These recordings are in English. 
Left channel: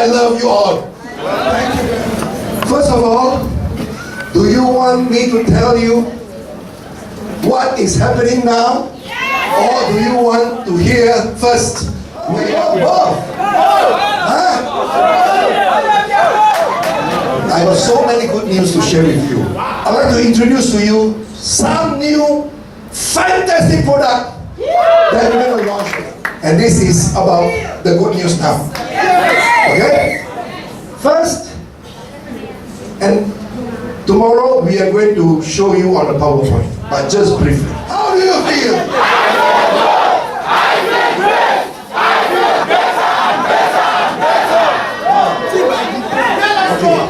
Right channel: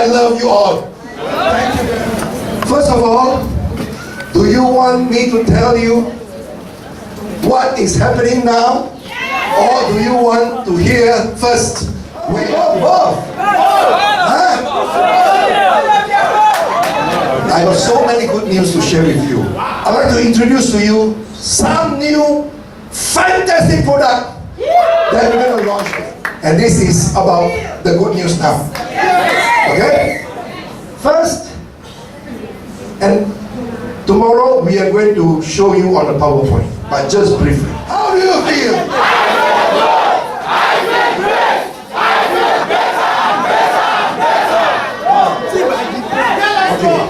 I love you all. First of all, do you want me to tell you what is happening now? Or do you want to hear first? We are both. Huh? I have so many good news to share with you. I'd like to introduce to you some new fantastic product that we're going to launch. And this is about the good news now. Okay? First, and tomorrow we are going to show you on the PowerPoint, but just briefly. How do you feel? Okay.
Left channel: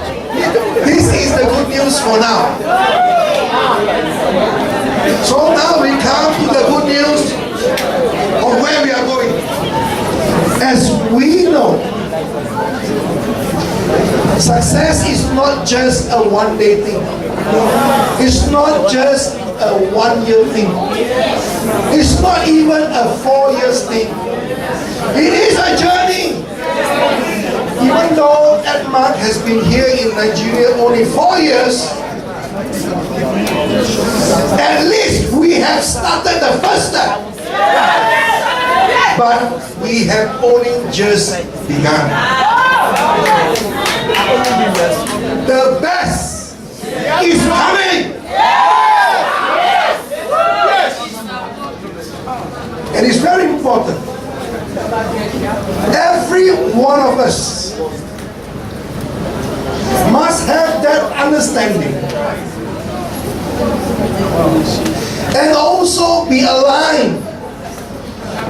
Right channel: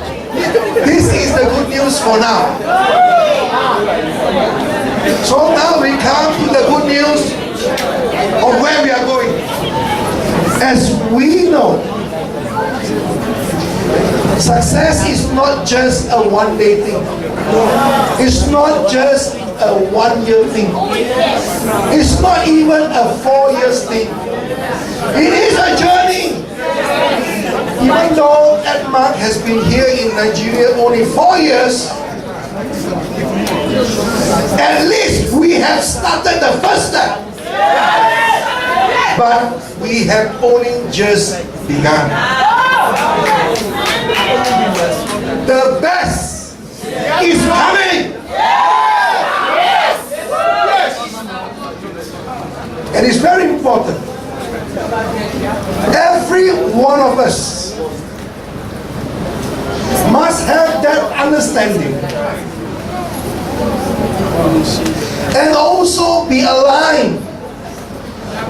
This is the good news for now. So now we come to the good news of where we are going. As we know, success is not just a one-day thing. It's not just a one-year thing. It's not even a 4-year thing. It is a journey. Even though Edmark has been here in Nigeria only 4 years, at least we have started the first step. But we have only just begun. The best is coming. And it's very important. Every one of us must have that understanding and also be aligned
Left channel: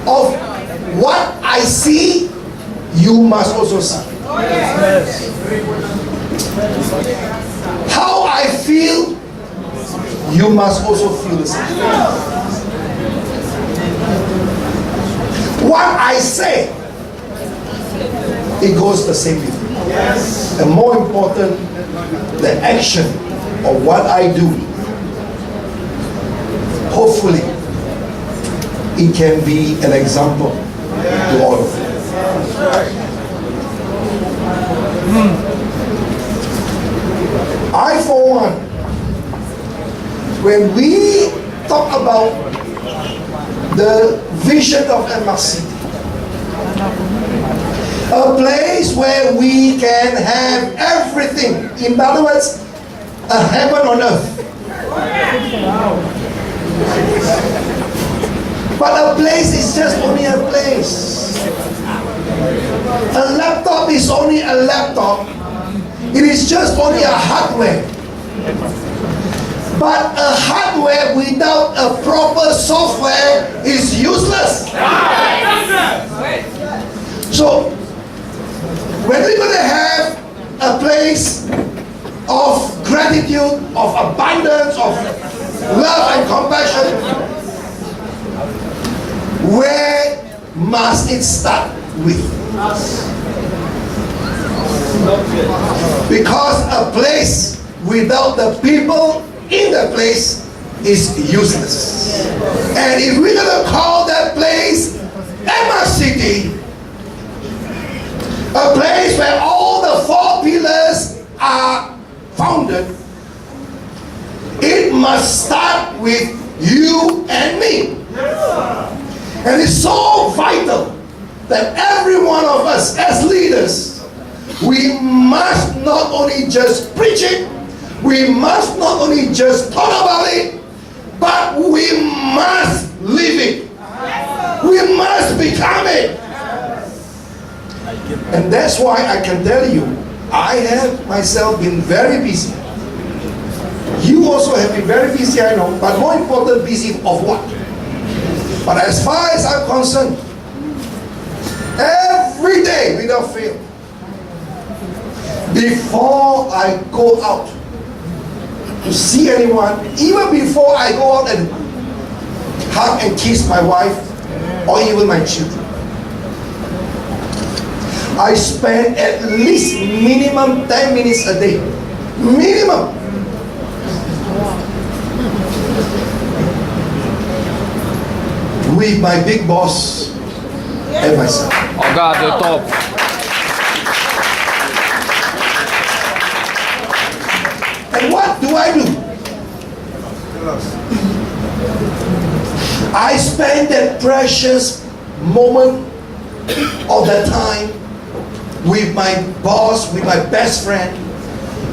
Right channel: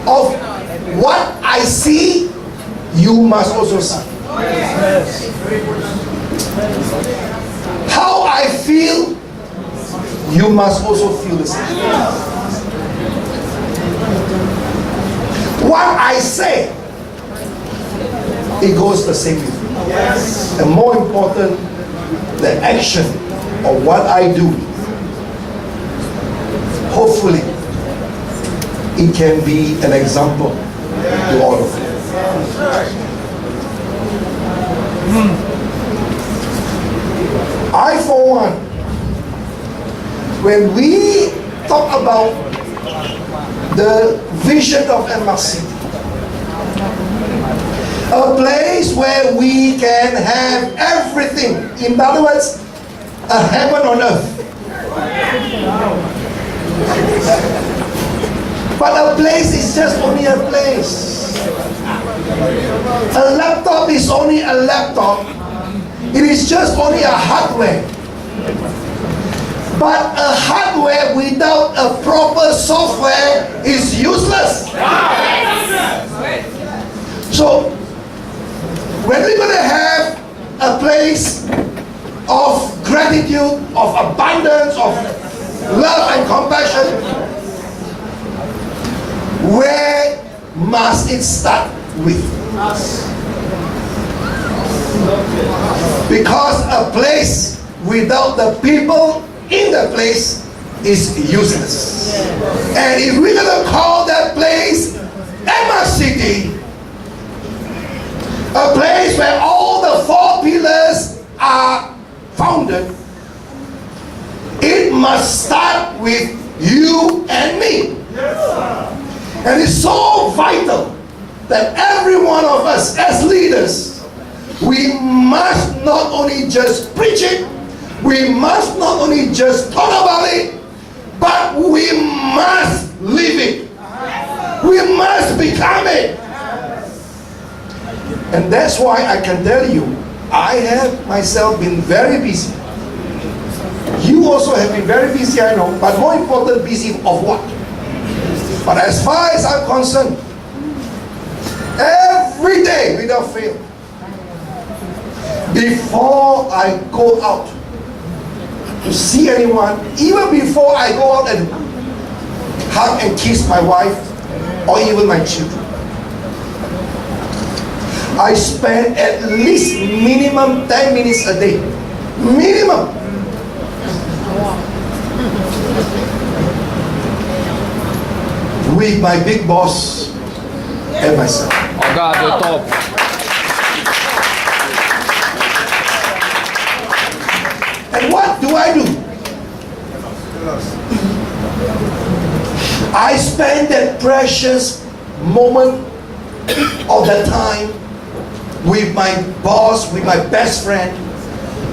of what I see, you must also see. How I feel, you must also feel the same. What I say, it goes the same with me. And more important, the action of what I do, hopefully, it can be an example to all of you. I, for one, when we talk about the vision of MRC, a place where we can have everything, in other words, a heaven on earth. But a place is just only a place. A laptop is only a laptop. It is just only a hardware. But a hardware without a proper software is useless. So, when we're going to have a place of gratitude, of abundance, of love and compassion, where must it start with? Because a place without the people in the place is useless. And if we're going to call that place Emma City, a place where all the 4 pillars are founded, it must start with you and me. And it's so vital that every one of us as leaders, we must not only just preach it, we must not only just talk about it, but we must live it. We must become it. And that's why I can tell you, I have myself been very busy. You also have been very busy, I know, but more important, busy of what? But as far as I'm concerned, every day without fail, before I go out to see anyone, even before I go out and hug and kiss my wife or even my children, I spend at least minimum 10 minutes a day. Minimum. With my big boss and myself. Oh God, you're top. And what do? I spend that precious moment of that time with my boss, with my best friend,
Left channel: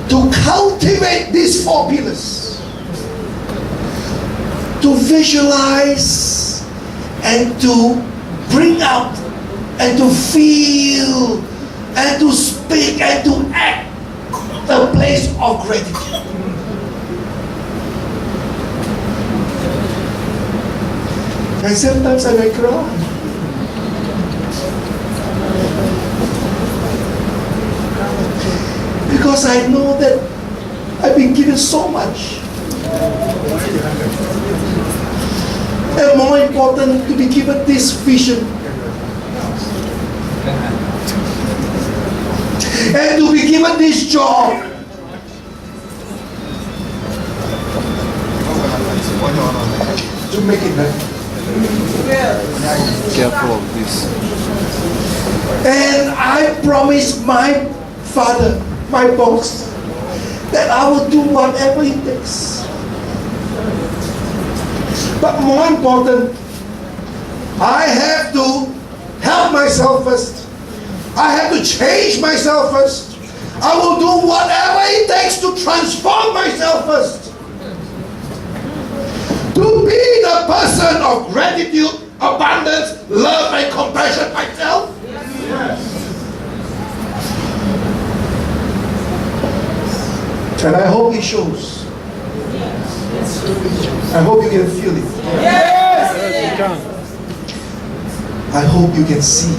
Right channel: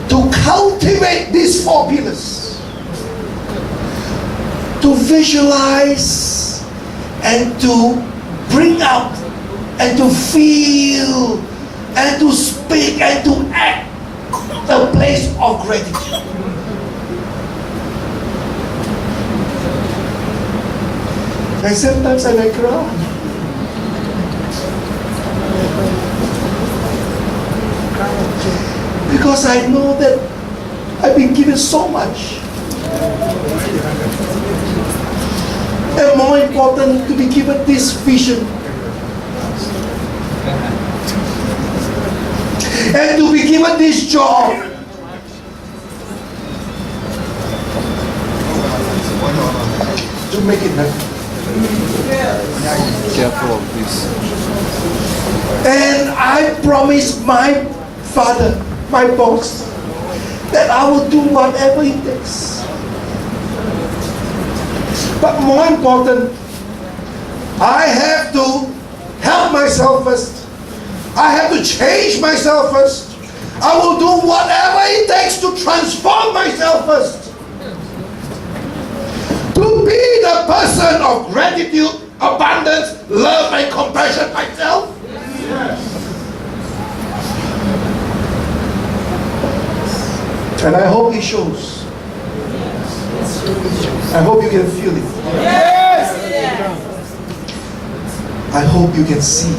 to cultivate these 4 pillars, to visualize and to bring out and to feel and to speak and to act a place of gratitude. And sometimes I may cry. Because I know that I've been given so much. And more important, to be given this vision. And to be given this job. To make it happen. Careful of this. And I promise my father, my boss, that I will do whatever it takes. But more important, I have to help myself first. I have to change myself first. I will do whatever it takes to transform myself first. To be the person of gratitude, abundance, love, and compassion myself. Yes. And I hope it shows. I hope you can feel it. Yes. I hope you can see.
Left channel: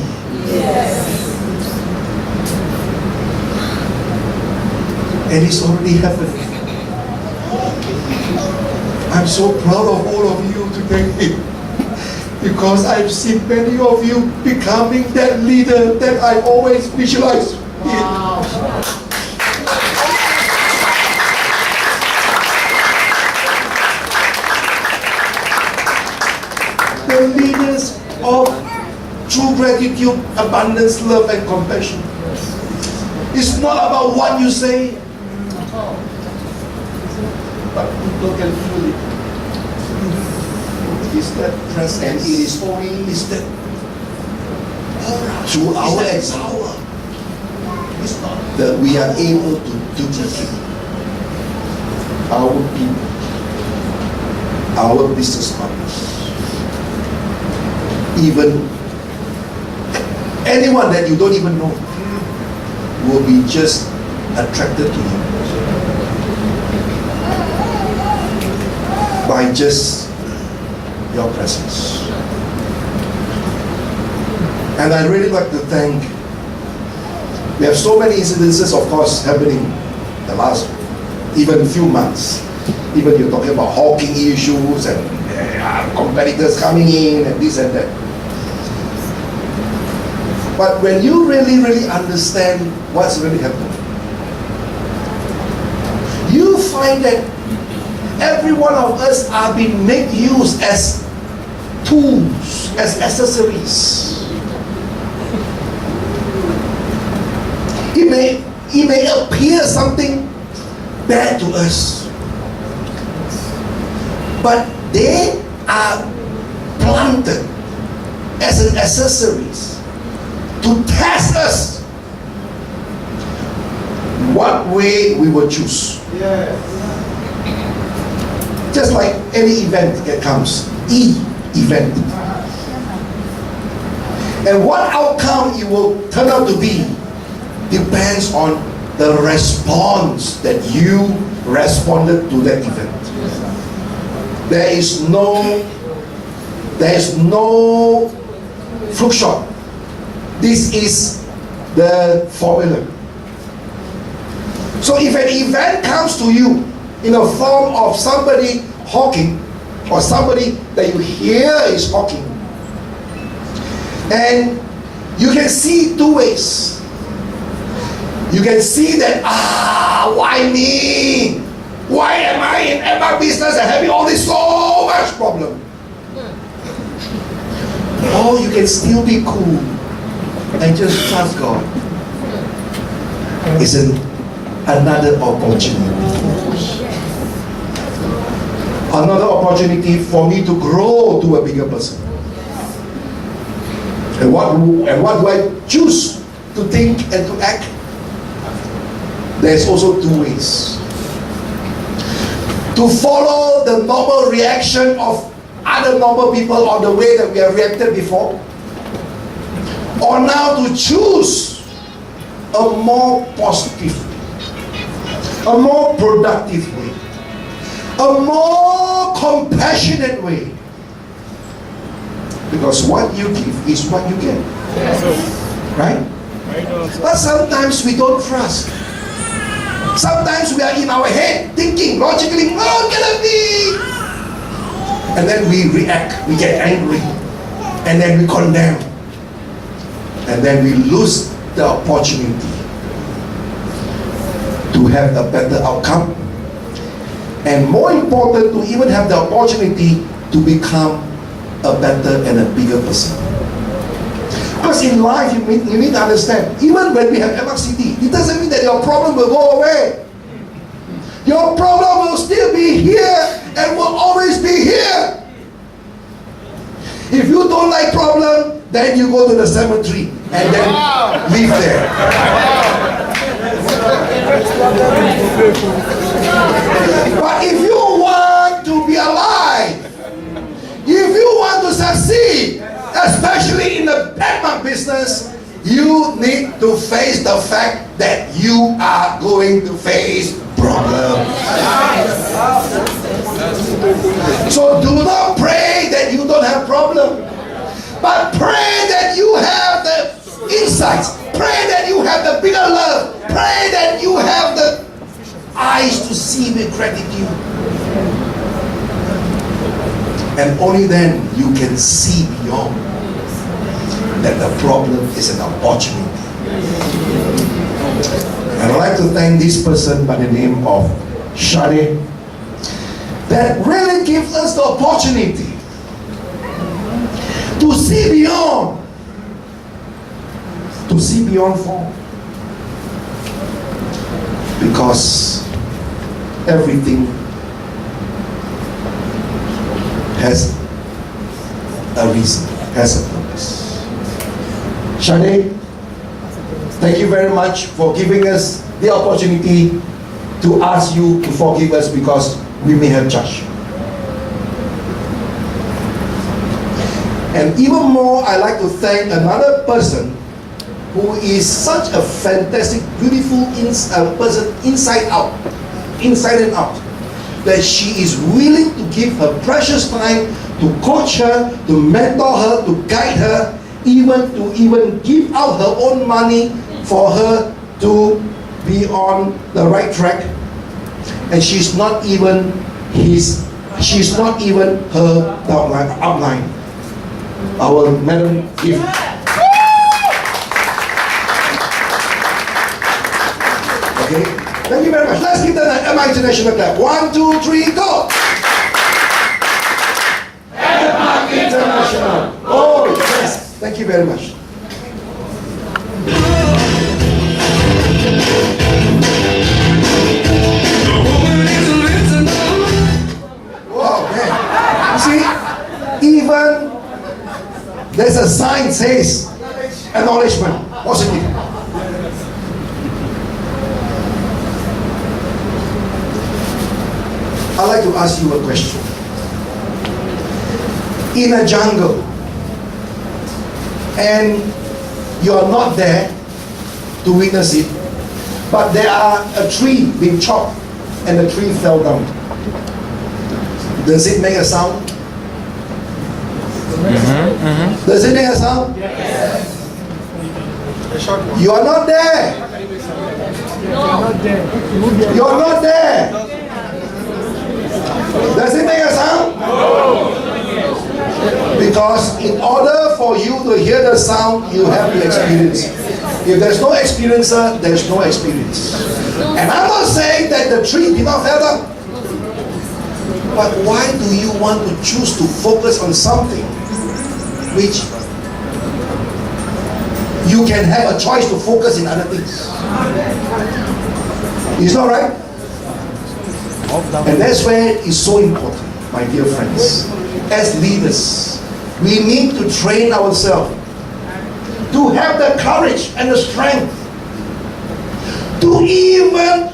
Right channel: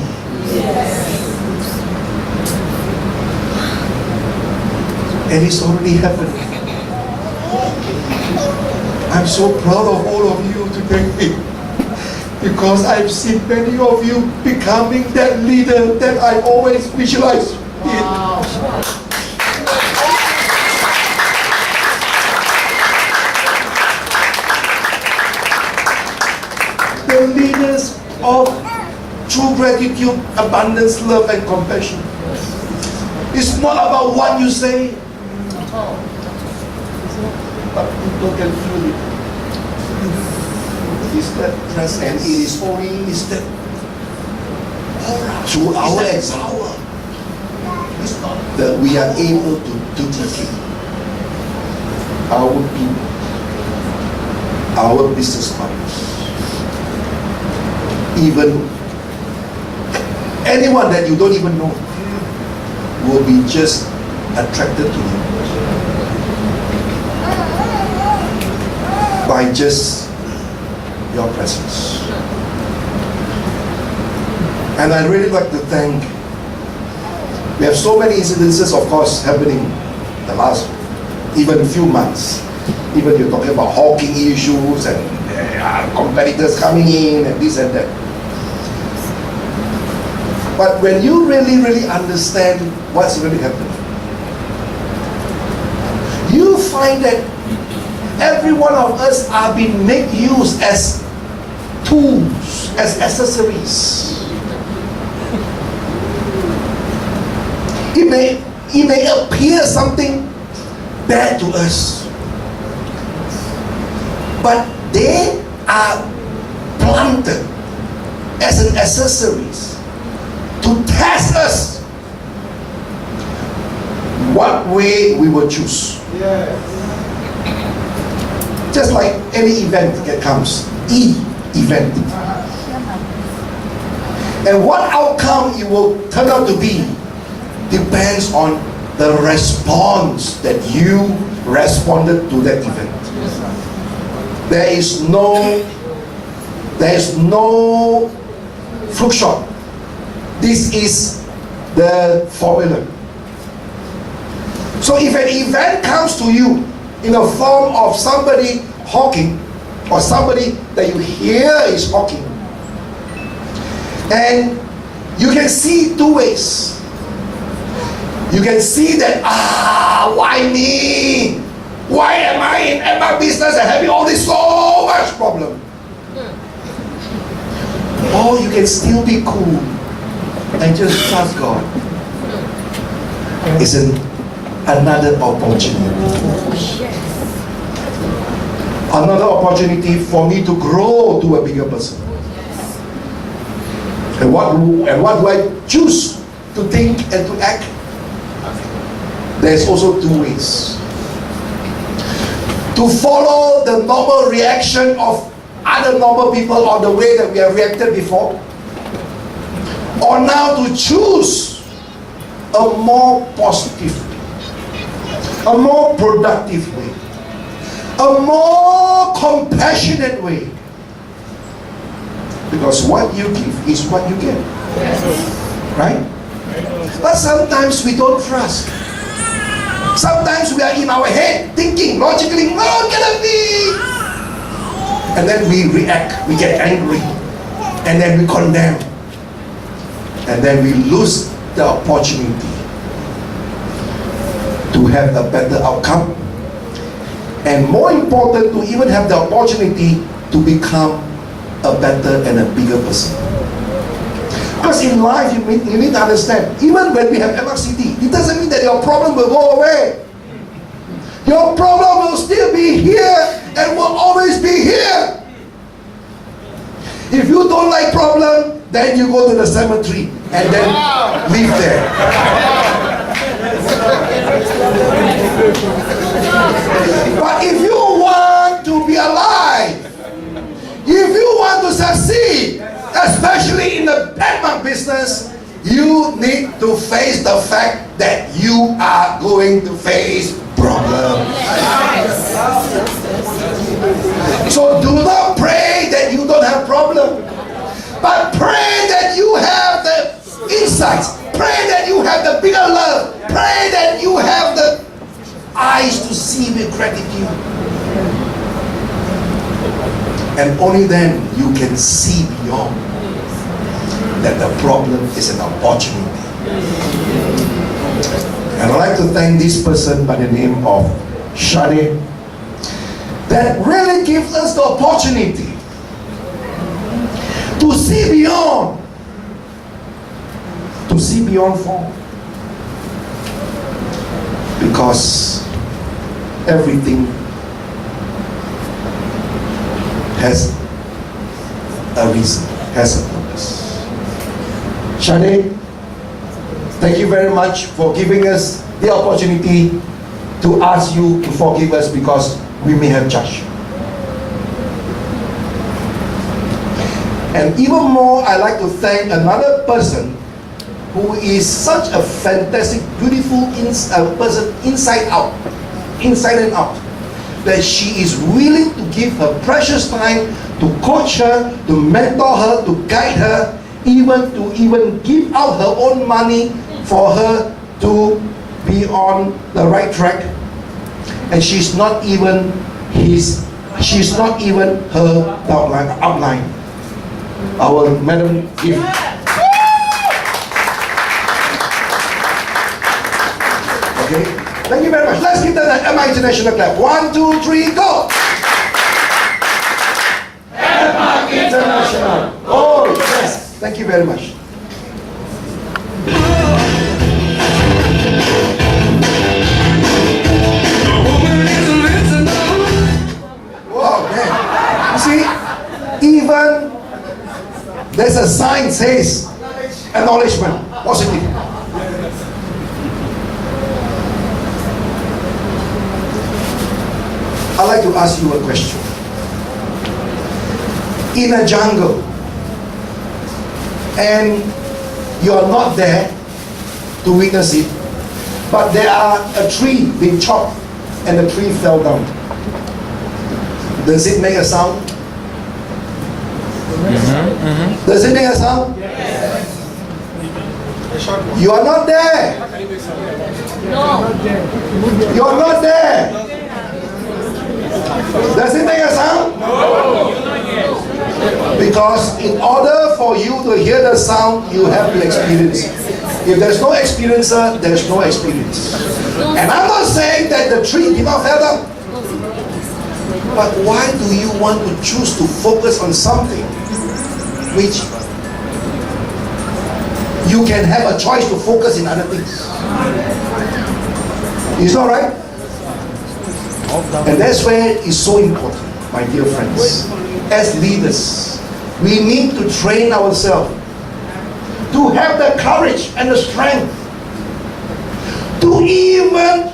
Yes. And it's already happening. I'm so proud of all of you today because I've seen many of you becoming that leader that I always visualize. Wow. The leaders of true gratitude, abundance, love, and compassion. It's not about what you say, but people can feel it. It's that presence. It is only that aura through our power. It's not that we are able to duplicate our people, our business partners, even anyone that you don't even know will be just attracted to you by just your presence. And I'd really like to thank, we have so many incidences, of course, happening the last even few months. Even you're talking about hawking issues and competitors coming in and this and that. But when you really understand what's really happening, you find that every one of us are being made use as tools, as accessories. It may appear something bad to us, but they are planted as an accessories to test us what way we will choose. Yes. Just like any event that comes, event. And what outcome it will turn out to be depends on the response that you responded to that event. There is no fluke shot. This is the formula. So if an event comes to you in the form of somebody hawking, or somebody that you hear is hawking, and you can see two ways. You can see that, why me? Why am I in my business and having all this so much problem? Or you can still be cool and just trust God. It's another opportunity. Another opportunity for me to grow to a bigger person. And what do I choose to think and to act? There's also two ways. To follow the normal reaction of other normal people or the way that we have reacted before, or now to choose a more positive way, a more productive way, a more compassionate way. Because what you give is what you get. Right? But sometimes we don't trust. Sometimes we are in our head thinking logically, no, it cannot be. And then we react, we get angry, and then we condemn. And then we lose the opportunity to have a better outcome. And more important, to even have the opportunity to become a better and a bigger person. Because in life, you need to understand, even when we have MRCD, it doesn't mean that your problem will go away. Your problem will still be here and will always be here. If you don't like problem, then you go to the cemetery and then live there. But if you want to be alive, if you want to succeed, especially in the Denmark business, you need to face the fact that you are going to face problems. So do not pray that you don't have problems, but pray that you have the insights, pray that you have the bigger love, pray that you have the eyes to see with gratitude. And only then you can see beyond that the problem is an opportunity. And I'd like to thank this person by the name of Shade that really gives us the opportunity to see beyond form. Because everything has a reason, has a purpose. Shade, thank you very much for giving us the opportunity to ask you to forgive us because we may have judged you. And even more, I'd like to thank another person who is such a fantastic, beautiful person inside and out, that she is willing to give her precious time to coach her, to mentor her, to guide her, even give out her own money for her to be on the right track. And she's not even her upline. Our Madam Gift. Okay, thank you very much. Let's give them an MI International clap. 1, 2, 3, go! MI International. Oh, yes. Thank you very much. Wow, man. You see, even there's a sign says acknowledgement, positive. I'd like to ask you a question. In a jungle, and you're not there to witness it, but there are a tree being chopped and the tree fell down. Does it make a sound? Does it make a sound? Yes. You are not there. No. You are not there. Does it make a sound? No. Because in order for you to hear the sound, you have to experience it. If there's no experiencer, there's no experience. And I'm not saying that the tree did not fall down. But why do you want to choose to focus on something which you can have a choice to focus in other things? It's not right? And that's where it's so important. my dear friends, as leaders, we need to train ourselves to have the courage and the strength to even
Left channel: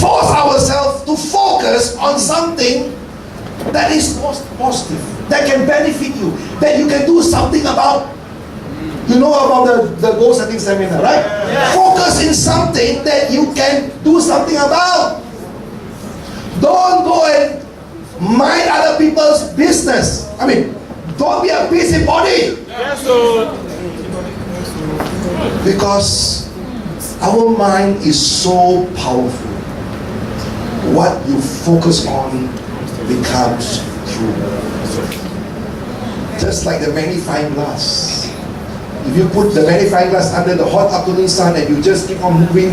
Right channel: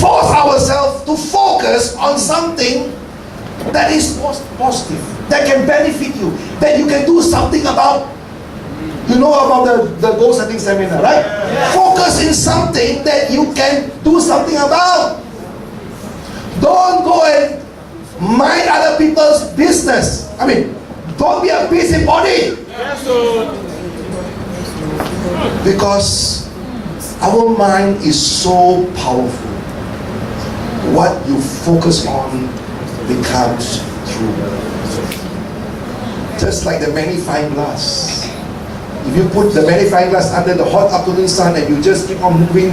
force ourselves to focus on something that is positive, that can benefit you, that you can do something about. You know about the goal setting seminar, right? Yeah. Focus in something that you can do something about. Don't go and mind other people's business. I mean, don't be a busybody. Yes, because our mind is so powerful. What you focus on becomes true. Just like the magnifying glass. If you put the magnifying glass under the hot afternoon sun and you just keep on moving,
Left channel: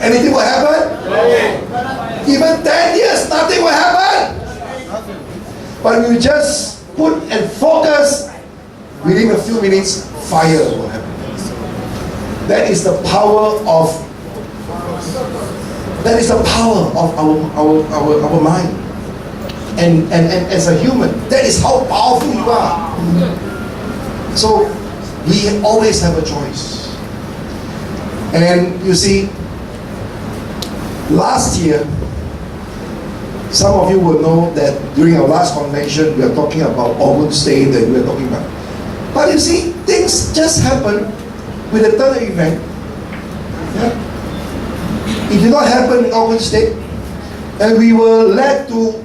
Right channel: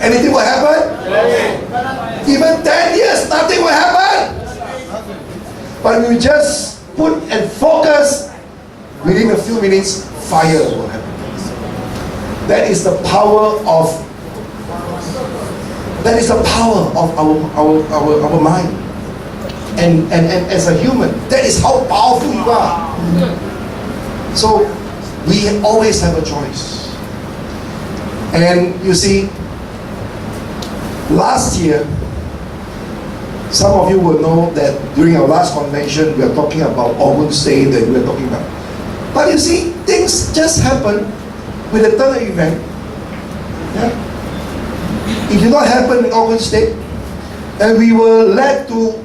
anything will happen? Even 10 years, nothing will happen. But if you just put and focus, within a few minutes, fire will happen. That is the power of our mind. And as a human, that is how powerful you are. So we always have a choice. And you see, last year, some of you will know that during our last convention, we are talking about organ state that we are talking about. But you see, things just happen with the third event. Yeah? It did not happen in organ state, and we were led to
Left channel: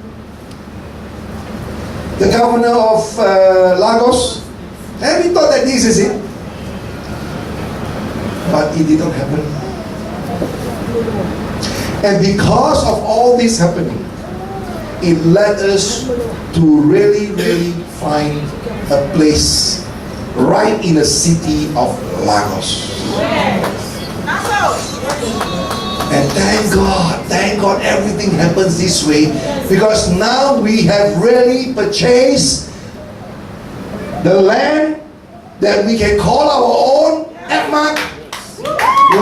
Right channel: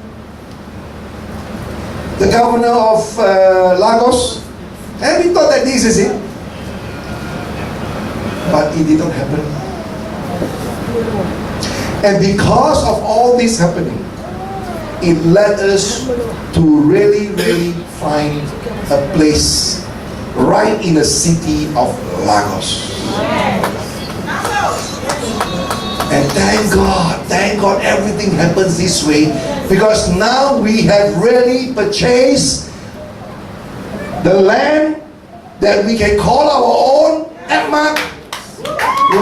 the governor of Lagos, and we thought that this is it. But it didn't happen. And because of all this happening, it led us to really find a place right in the city of Lagos. And thank God everything happens this way, because now we have really purchased the land that we can call our own, Edmark,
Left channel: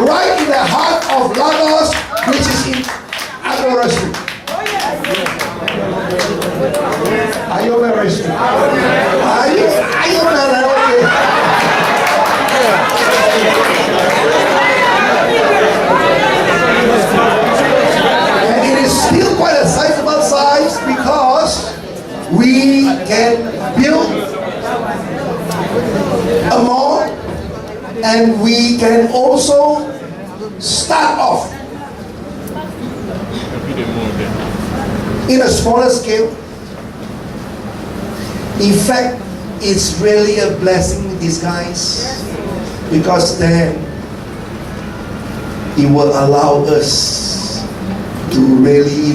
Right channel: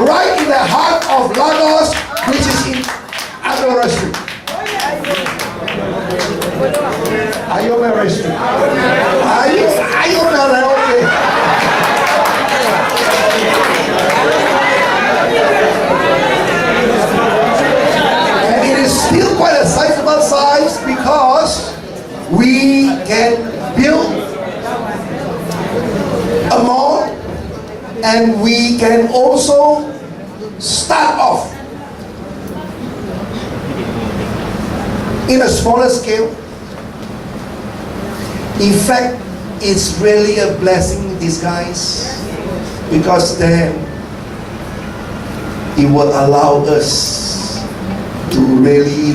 right in the heart of Lagos, which is in Agora Street. Ayora Street. Ayora, okay. Still quite a sizable size, because we can build a mall, and we can also start off in a smaller scale. In fact, it's really a blessing in disguise, because then it will allow us to really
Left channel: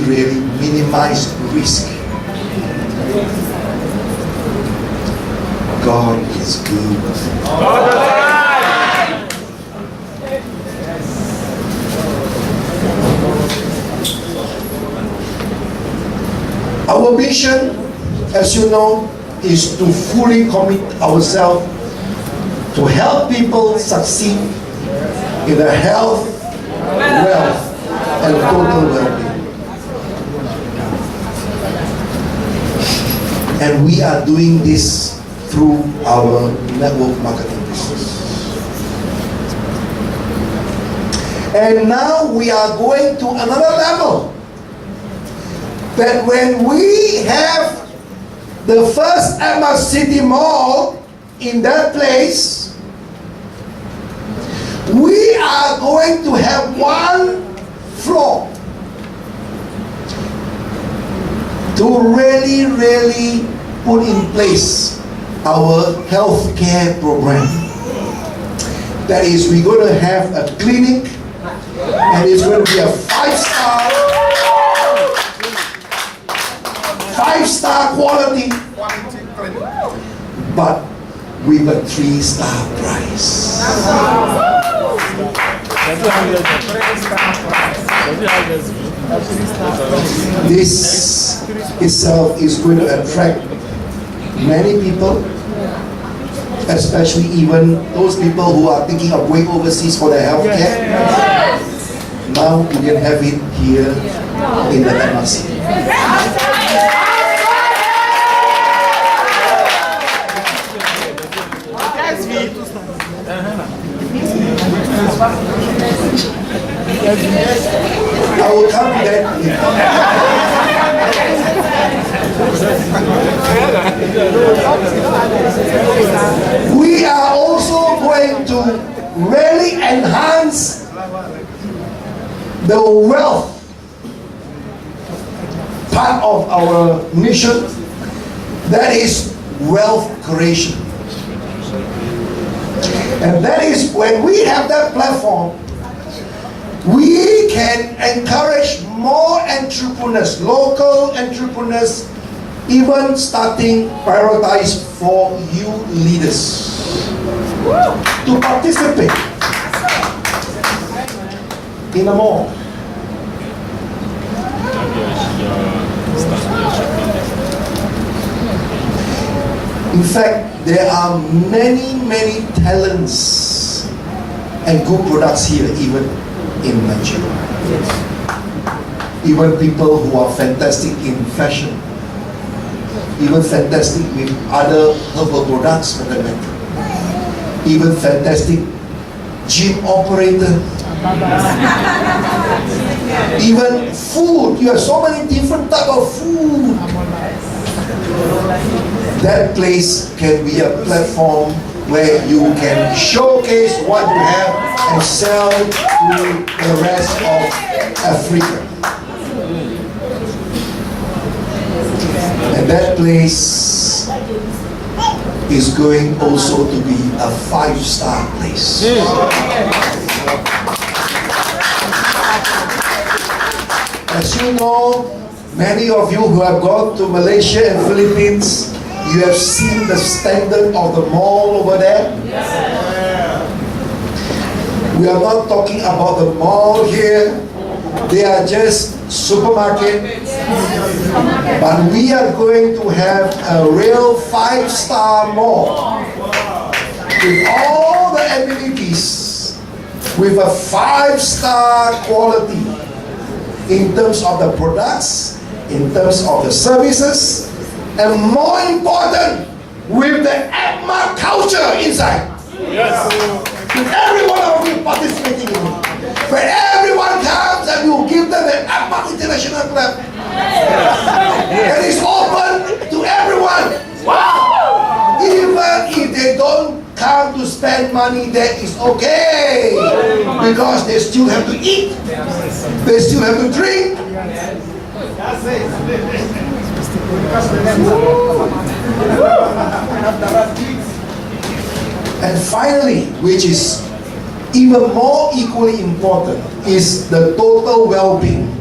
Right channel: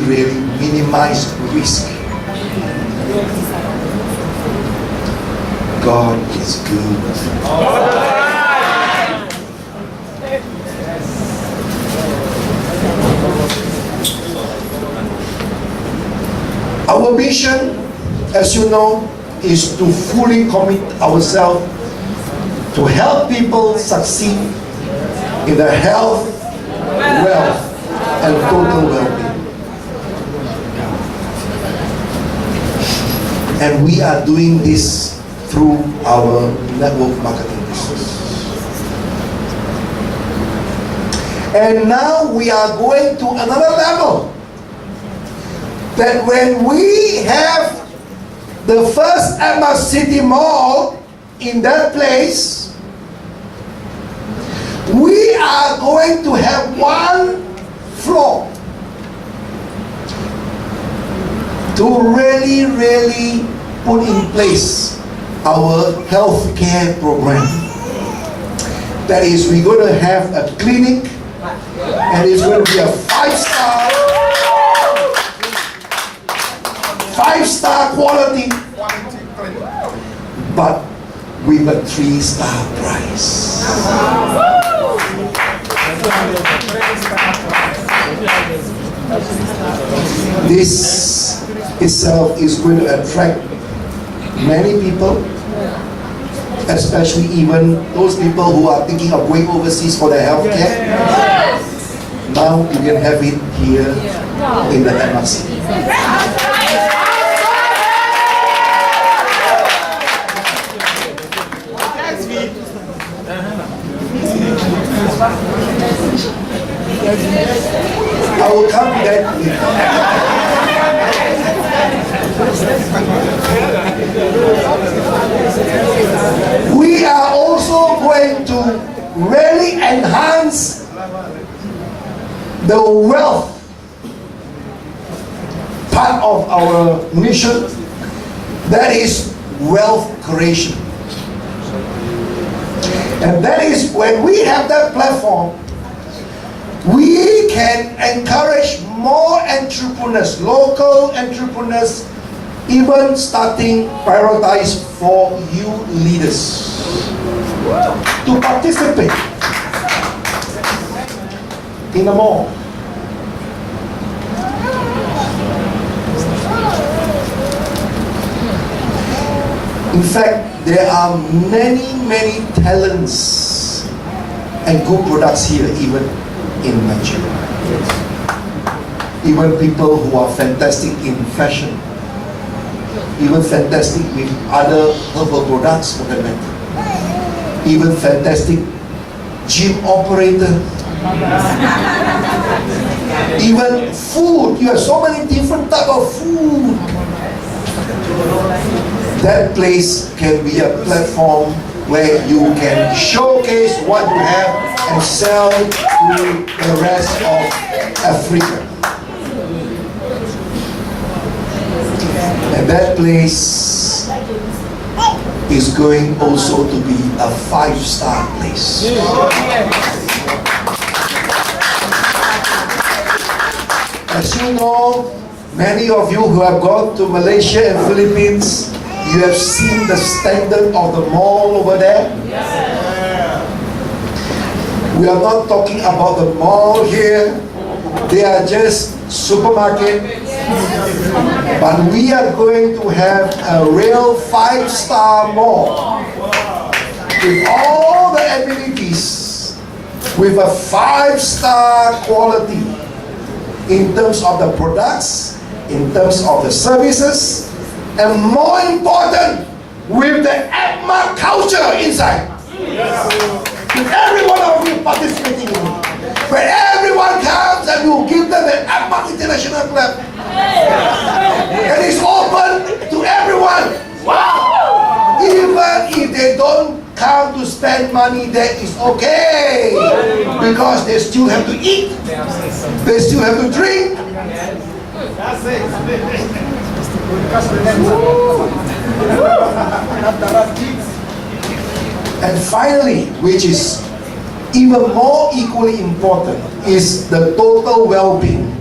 minimize risk. God is good. Our mission, as you know, is to fully commit ourselves to help people succeed in their health, wealth, and total well-being. And we are doing this through our network marketing business. And now we are going to another level. That when we have the first Emma City Mall in that place, we are going to have one floor to really put in place our healthcare program. That is, we're going to have a clinic, and it's going to be a five-star quality, but with a 3-star price. This itself is going to attract many people, especially even those people who are thinking of going overseas for their health care. Now you can have it here in the MRC. I will come to that later. We are also going to really enhance the wealth part of our mission, that is wealth creation. And that is when we have that platform, we can encourage more entrepreneurs, local entrepreneurs, even starting prioritize for you leaders to participate in a mall. In fact, there are many talents and good products here, even in Nigeria. Even people who are fantastic in fashion, even fantastic with other herbal products for that matter, even fantastic gym operator, even food. You have so many different type of food. That place can be a platform where you can showcase what you have and sell to the rest of Africa. And that place is going also to be a 5-star place. As you know, many of you who have gone to Malaysia and Philippines, you have seen the standard of the mall over there. We are not talking about the mall here. They are just supermarket. But we are going to have a real 5-star mall with all the amenities, with a 5-star quality in terms of the products, in terms of the services, and more important, with the APMA culture inside. With every one of you participating in it. When everyone comes and you give them the APMA International Club. And it's open to everyone. Wow! Even if they don't come to spend money, that is okay. Because they still have to eat. They still have to drink. And finally, which is even more equally important, is the total well-being,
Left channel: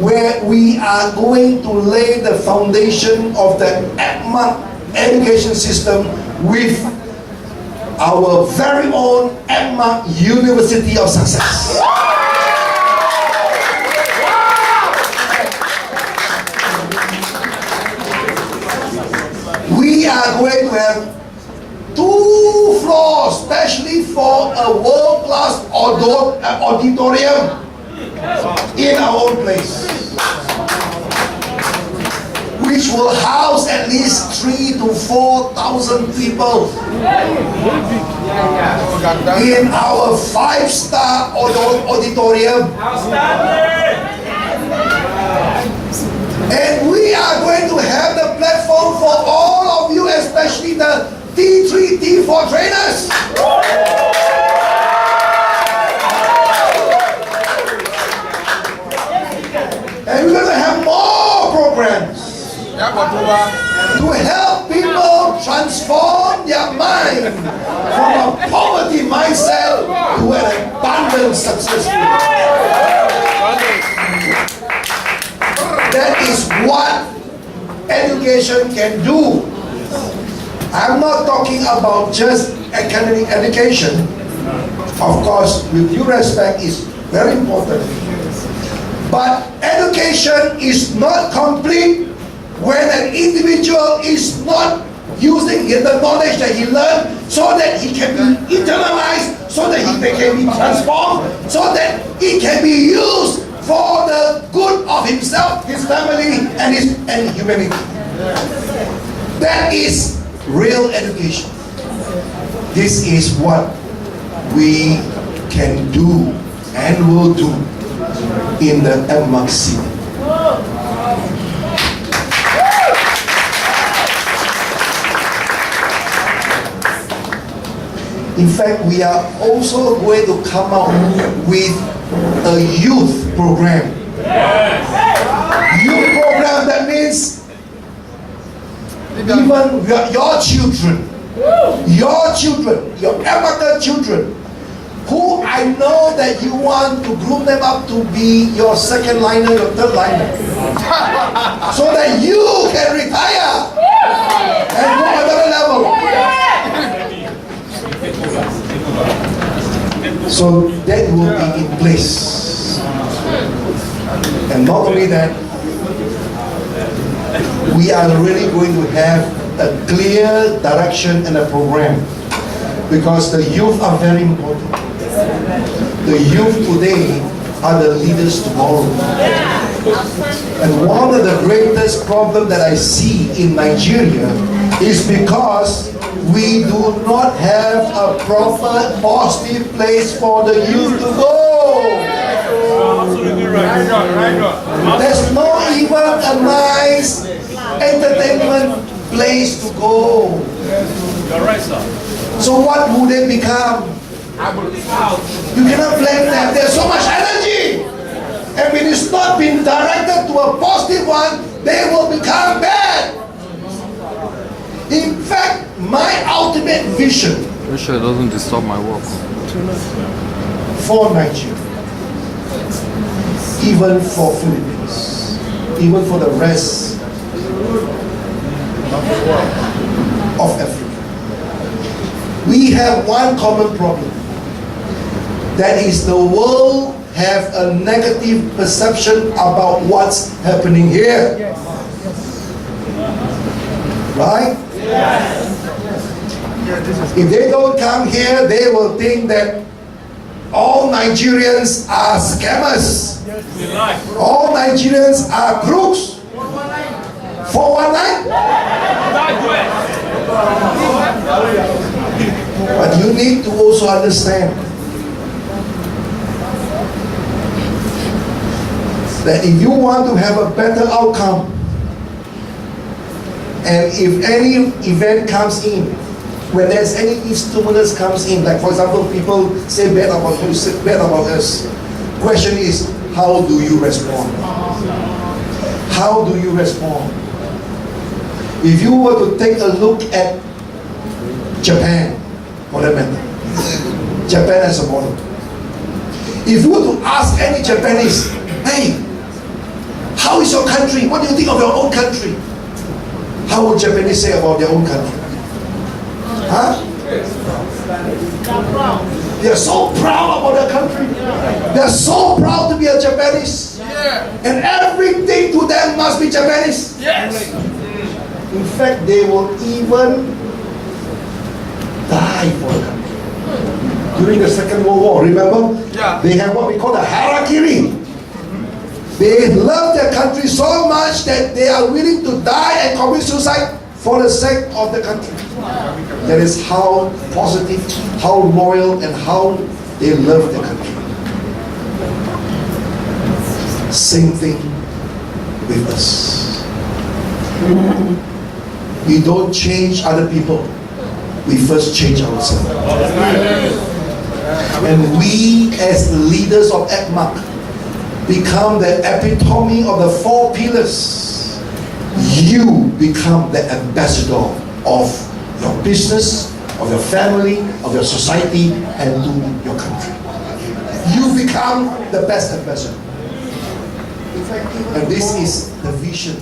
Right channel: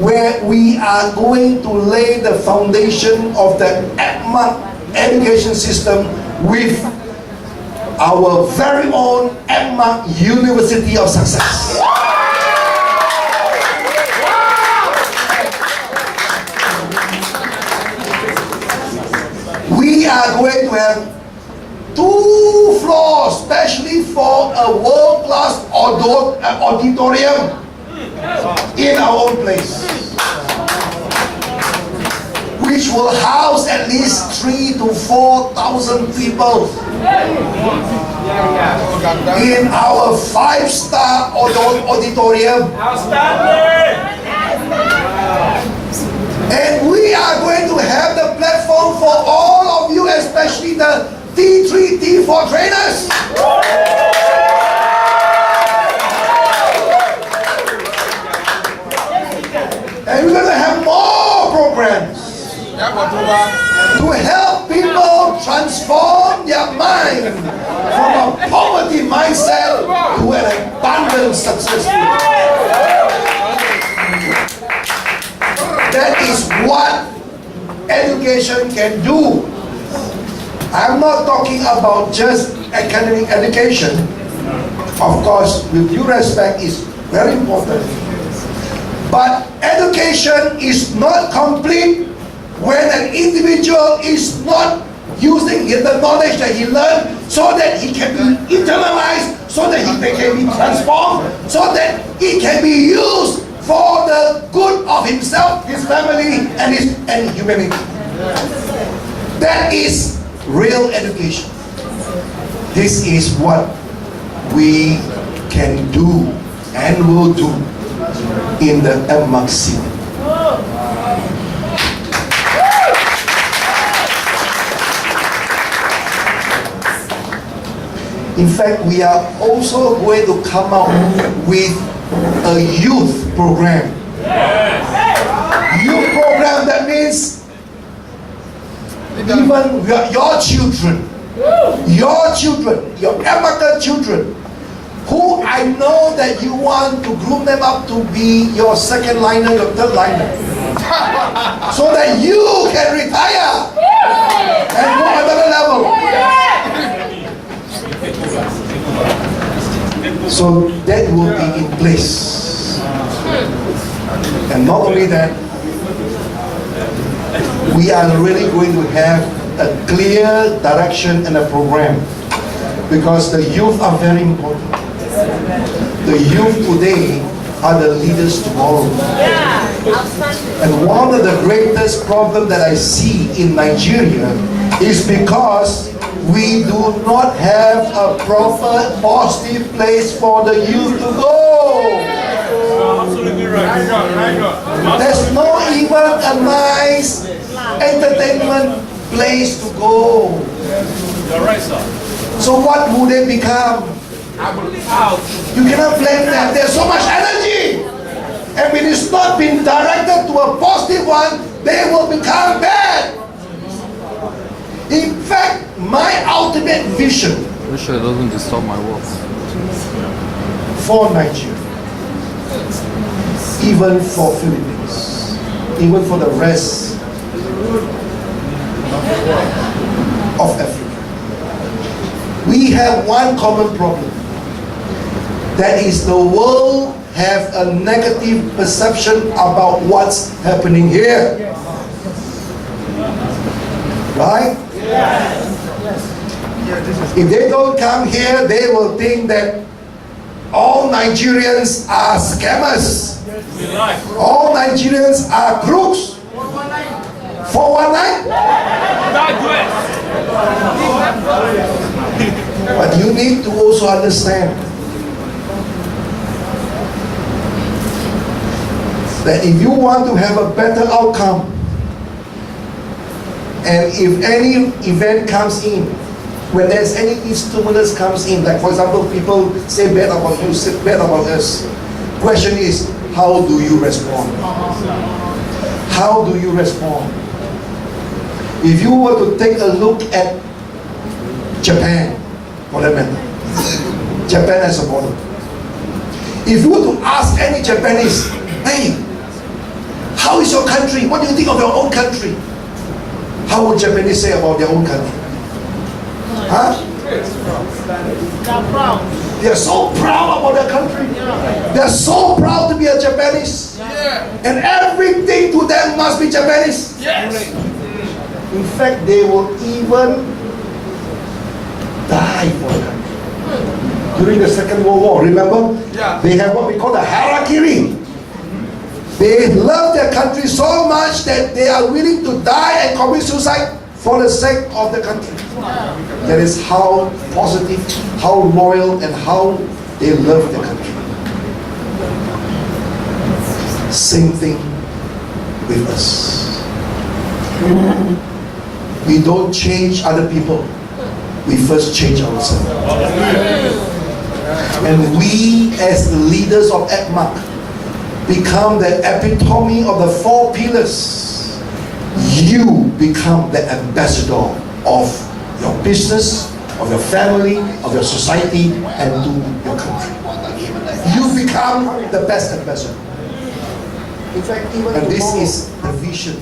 where we are going to lay the foundation of the APMA education system with our very own APMA University of Success. We are going to have 2 floors, especially for a world-class auditorium in our own place, which will house at least 3,000 to 4,000 people in our 5-star auditorium. And we are going to have the platform for all of you, especially the T3, T4 trainers. And we're going to have more programs to help people transform their mind from a poverty mindset to an abundant successful. That is what education can do. I'm not talking about just academic education. Of course, with due respect, is very important. But education is not complete when an individual is not using the knowledge that he learned so that he can be internalized, so that they can be transformed, so that it can be used for the good of himself, his family, and humanity. That is real education. This is what we can do and will do in the MMC. In fact, we are also going to come out with a youth program. Youth program, that means even your children, your American children, who I know that you want to groom them up to be your second liner, your third liner, so that you can retire and go another level. So that will be in place. And not only that, we are really going to have a clear direction and a program, because the youth are very important. The youth today are the leaders tomorrow. And one of the greatest problems that I see in Nigeria is because we do not have a proper positive place for the youth to go. Absolutely right. There's not even a nice entertainment place to go. You're right, sir. So what would they become? You cannot blame them. There's so much energy. And when it's not been directed to a positive one, they will become bad. In fact, my ultimate vision Make sure it doesn't disturb my work. for Nigeria, even for Philippines, even for the rest of Africa, we have one common problem. That is, the world have a negative perception about what's happening here. Right? If they don't come here, they will think that all Nigerians are scammers. All Nigerians are crooks. 419? But you need to also understand that if you want to have a better outcome, and if any event comes in, when there's any stimulus comes in, like for example, people say bad about you, say bad about us. Question is, how do you respond? How do you respond? If you were to take a look at Japan, for that matter, Japan as a model. If you were to ask any Japanese, hey, how is your country? What do you think of your own country? How would Japanese say about their own country? Huh? They're so proud about their country. They're so proud to be a Japanese. And everything to them must be Japanese. In fact, they will even die for the country. During the Second World War, remember? They have what we call the harakiri. They love their country so much that they are willing to die and commit suicide for the sake of the country. That is how positive, how loyal, and how they love the country. Same thing with us. We don't change other people. We first change ourselves. And we, as the leaders of ECMAC, become the epitome of the four pillars. You become the ambassador of your business, of your family, of your society, and to your country. You become the best ambassador. In fact, and this is the vision.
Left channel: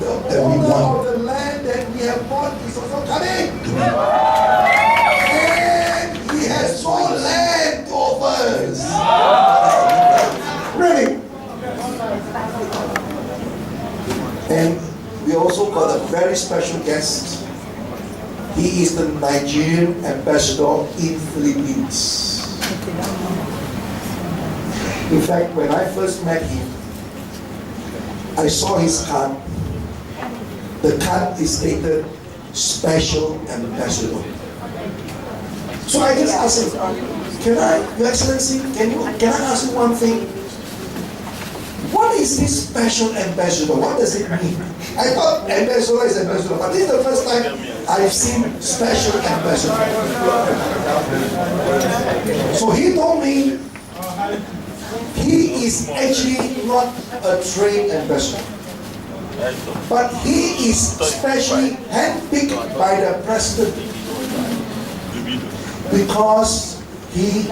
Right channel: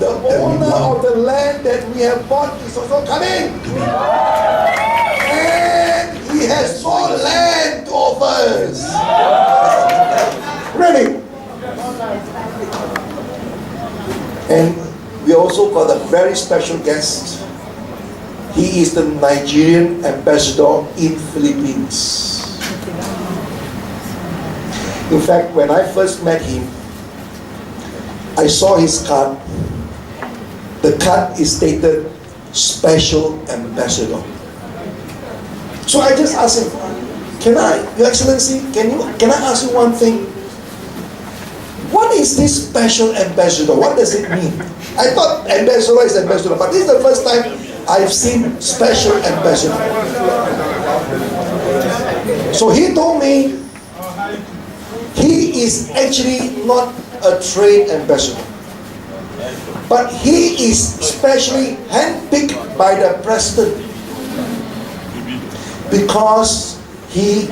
The owner of the land that we have bought is also coming to me. And he has more land to offer us. Really? And we also got a very special guest He is the Nigerian ambassador in Philippines. In fact, when I first met him, I saw his card. The card is stated Special Ambassador. So I just asked him, Your Excellency, can I ask you one thing? What is this Special Ambassador? What does it mean? I thought ambassador is ambassador, but this is the first time I've seen Special Ambassador. So he told me he is actually not a trade ambassador, but he is specially handpicked by the president because he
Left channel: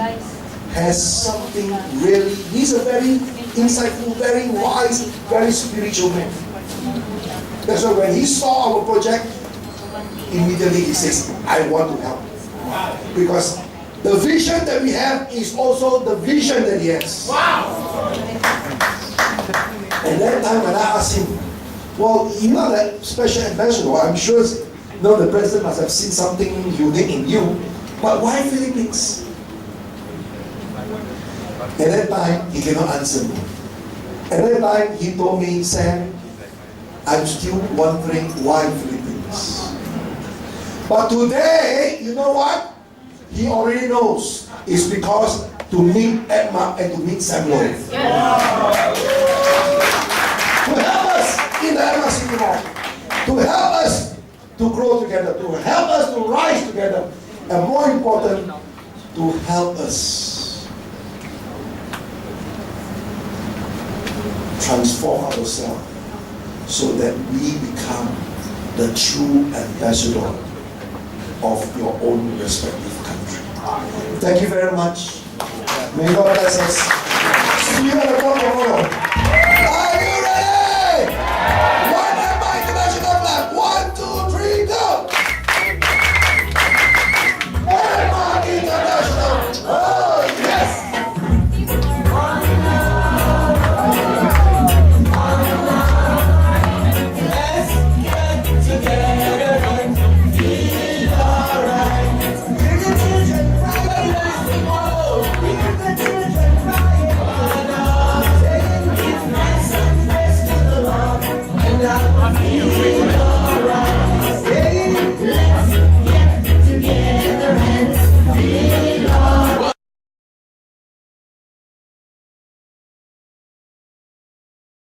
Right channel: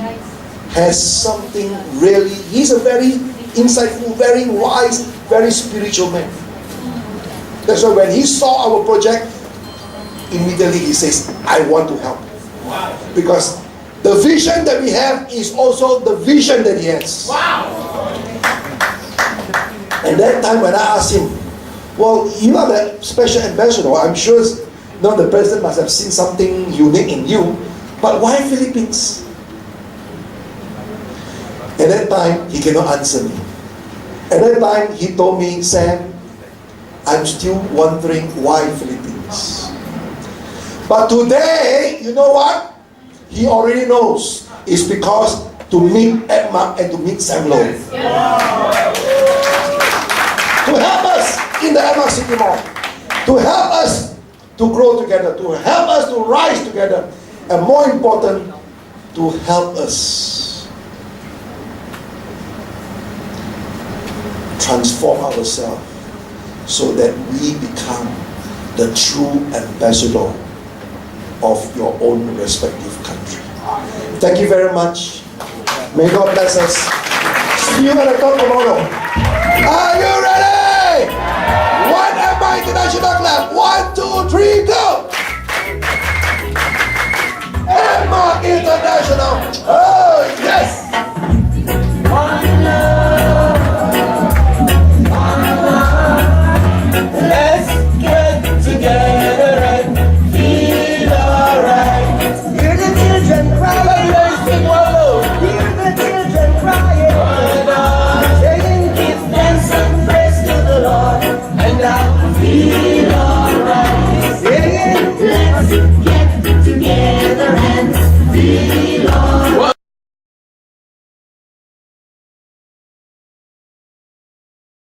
has something really, he's a very insightful, very wise, very spiritual man. That's why when he saw our project, immediately he says, I want to help. Because the vision that we have is also the vision that he has. And that time when I asked him, well, you are the special ambassador, I'm sure the president must have seen something unique in you, but why Philippines? At that time, he cannot answer me. At that time, he told me, Sam, I'm still wondering why Philippines. But today, you know what? He already knows. It's because to meet Edma and to meet Sam Low. To help us in the Edma City Mall. To help us to grow together. To help us to rise together. And more important, to help us transform ourselves so that we become the true ambassador of your own respective country. Thank you very much. May God bless us. See you at the top tomorrow.